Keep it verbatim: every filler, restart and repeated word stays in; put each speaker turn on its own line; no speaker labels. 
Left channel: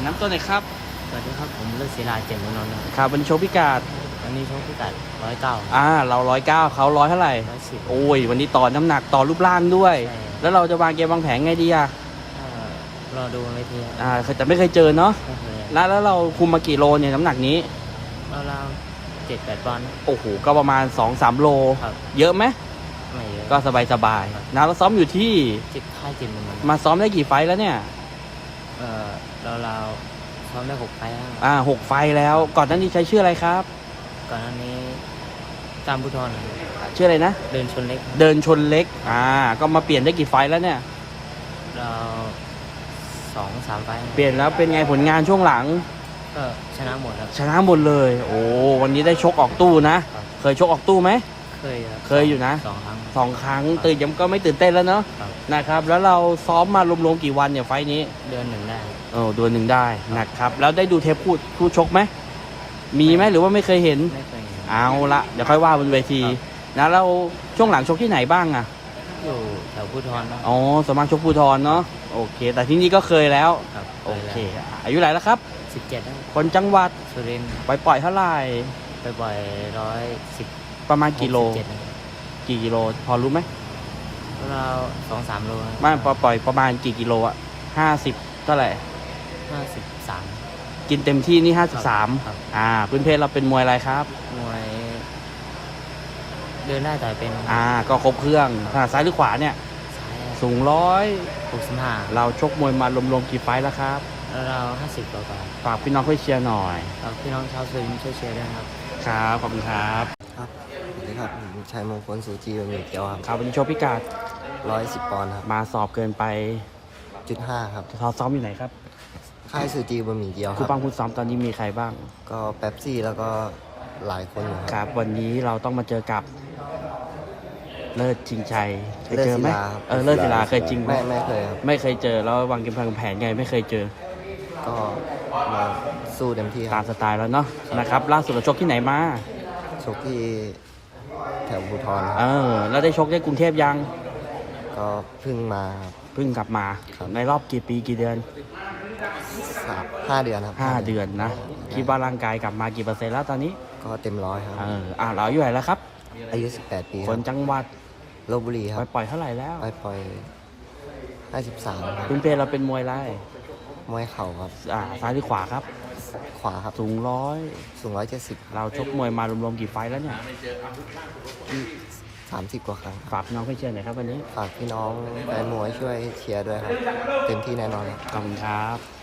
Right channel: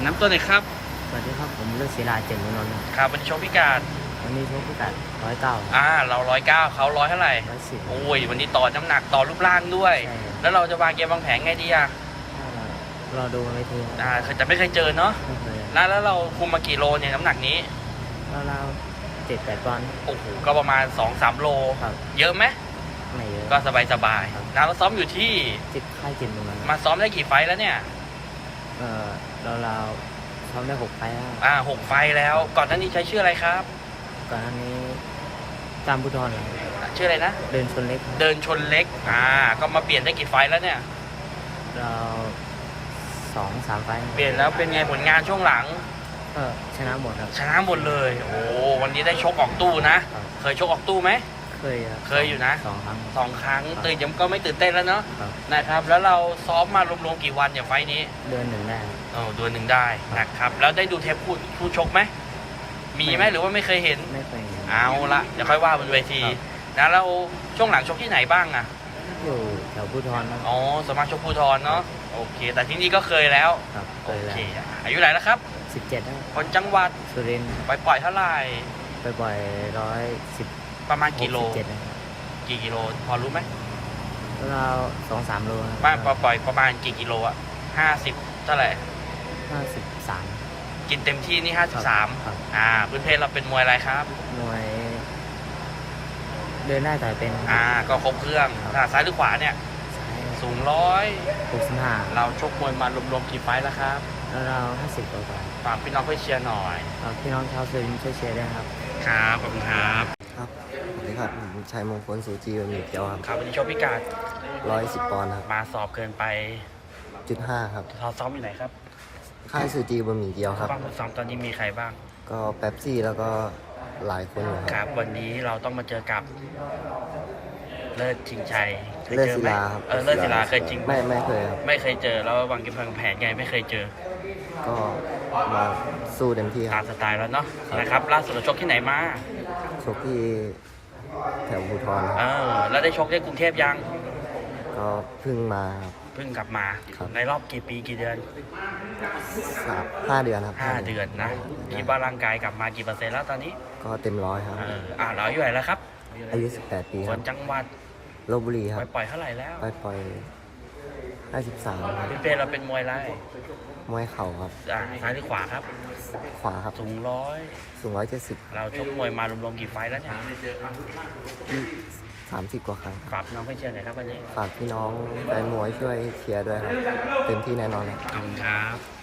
น้ำตัวไหนอยครับ
สวัสดีครับผมเลือกศิลาเจมส์นนท์ครับ
ครับวันนี้โชว์พิกัด
วันนี้ชกพิกัดร้อยเก้า
อ่าเราร้อยเก้าเขาร้อยเท่าไหร่
ร้อยสิบ
โอ้ยวันนี้ต่อน้ำหนักต่อรูปร่างด้วยแล้วเราจะวางเกมวางแผนไงดีอ่ะ
รอดูในที
อ่าแต่ไม่เคยเจอเนาะ
ไม่เคย
แล้วแล้วเราคุมมากี่โลเนี่ยน้ำหนักนี้
เราๆเจ็ดแปดปอนด์
โอ้โหก็ประมาณ สองสาม โล
ครับ
เยอะไหม
ไม่เยอะ
ก็สบายสบายนะเราซ้อมอยู่ที่
จิตค่ายจิตเหมือนกัน
มาซ้อมได้กี่ไฟแล้วเนี่ย
เออเราเราซ้อมได้หกไฟแล้ว
อ่าหกไฟแล้วก่อนหน้านี้ใช้ชื่ออะไรครับ
ก่อนหน้านี้ตามบุทรเหรอ
ชื่ออะไรนะ
เดินชนเล็ก
เดินชนเล็กอ่าก็มาเปลี่ยนได้กี่ไฟแล้วเนี่ย
เราสองสามไฟ
เปลี่ยนแล้วเป็นไงผลงานช่วงหลัง
ก็ชนะหมดครับ
ชนะหมดเลยโอ้วันนี้ได้ชกออกตู้นะเคยชกออกตู้ไหม
เคยครับ
เคยอยู่นะ
สองครั้ง
สองครั้งตื่นยังก็ไม่ตื่นเต้นแล้วเนาะนะครับแล้วเราซ้อมมารวมๆกี่วันเนี่ยไฟนี้
เดือนหนึ่งได้
โอ้เดือนหนึ่งได้นะครับแล้วได้ดูเทปพูดพูดชกไหมมีไหมหรือว่าไม่เคยเห็น
ไม่เคย
เอาละเดี๋ยวค่อยว่าบนเวทีนะเราช่วงหลังชกที่ไหนบ้างอะ
อยู่แถวภูธรนะ
อ๋อสมัครชกภูธรเนาะโอเคแต่ที่นี่ก็เคยแล้ว
ครับเคยแล้ว
อายุไหนแล้วครับ
สิบเจ็ดได้
คนจังหวัด
สุรินทร์
ไปปล่อยเท่าไหร่
ไปปล่อยร้อยสิบ
ประมาณกิโล
เจ็ดนะครับ
กี่กิโลพอรู้ไหม
เราสองสามโล
ไม่ปล่อยประมาณกี่กิโลอะห้าสิบเท่าไหร่
ห้าสิบสาม
กินเต็มที่นี่ห้าสิบสามอ่าพื้นเพเราเป็นมวยอะไรครับ
มวยเดินได้แต่เป็น
อ่าก็ครบเครื่องถนัดซ้ายหรือขวาเนี่ยสูงร้อย
หกสิบห้า
เราชกมวยมารวมๆกี่ไฟแล้วครับ
แล้วเราห้าสิบกว่า
ฝากพี่น้องเพื่อเชียร์หน่อย
ฝากพี่น้องชาวสุรินทร์ช่วยเชียร์ด้วยครับ
ครับขอบคุณครับ
ครับสวัสดีครับผมชัยมงคลสุจีวันหยุดเดียวครับ
ครับวันนี้ชกพิกัด
ร้อยสิบปอนด์ครับ
มาสอบเกินไป
จุดห้าครับ
เราซ้อมอยู่ไหนครับ
ค่ายสุจีบะหมี่เดียวครับ
ผู้บังคับซ้อมตอนนี้มีใครบ้าง
ก็แป๊บซี่แล้วก็หลายคนอยู่
ครับวันนี้เราต้องมาเจอกับเลิศจริงใจ
เลิศศิลาครับ
เออเลิศศิลาเคยจริง
ไม่ไม่เคยครับ
ไม่เคยเจอแล้ววางเกมวางแผนไงไม่เคยเจอ
ก็มาสู้เต็มที่ค
รั
บ
ตามสไตล์แล้วเนาะนะครับล่าสุดเราชกที่ไหนมา
ชกที่แถวภูธร
เออแล้วได้ชกที่กรุงเทพยัง
ก็เพิ่งมาครับ
เพิ่งกลับมาในรอบกี่ปีกี่เดือน
สามห้าเดือนครับ
ห้าเดือนนะคิดว่าร่างกายกลับมากี่เปอร์เซ็นต์แล้วตอนนี้
ก็เต็มร้อยครับ
เอออ่าเราอายุเท่าไหร่แล้วครับ
อายุสิบแปดปี
คนจังหวัด
ลพบุรีครับ
ปล่อยเท่าไหร่แล้ว
ไปปล่อยห้าสิบสามครับ
คุณเพเราเป็นมวยไร
มวยเข่าครับ
อ่าซ้ายหรือขวาครับ
ขวาครับ
สูงร้อย
สูงร้อยเจ็ดสิบ
เราชกมวยมารวมๆกี่ไฟแล้วเนี่ย
สามสิบกว่าครั้ง
ฝากพี่น้องให้เชียร์หน่อยครับวันนี้
ฝากพี่น้องแฟนมวยช่วยเชียร์ด้วยครับเต็มที่แน่นอนครับ
ขอบคุณครับ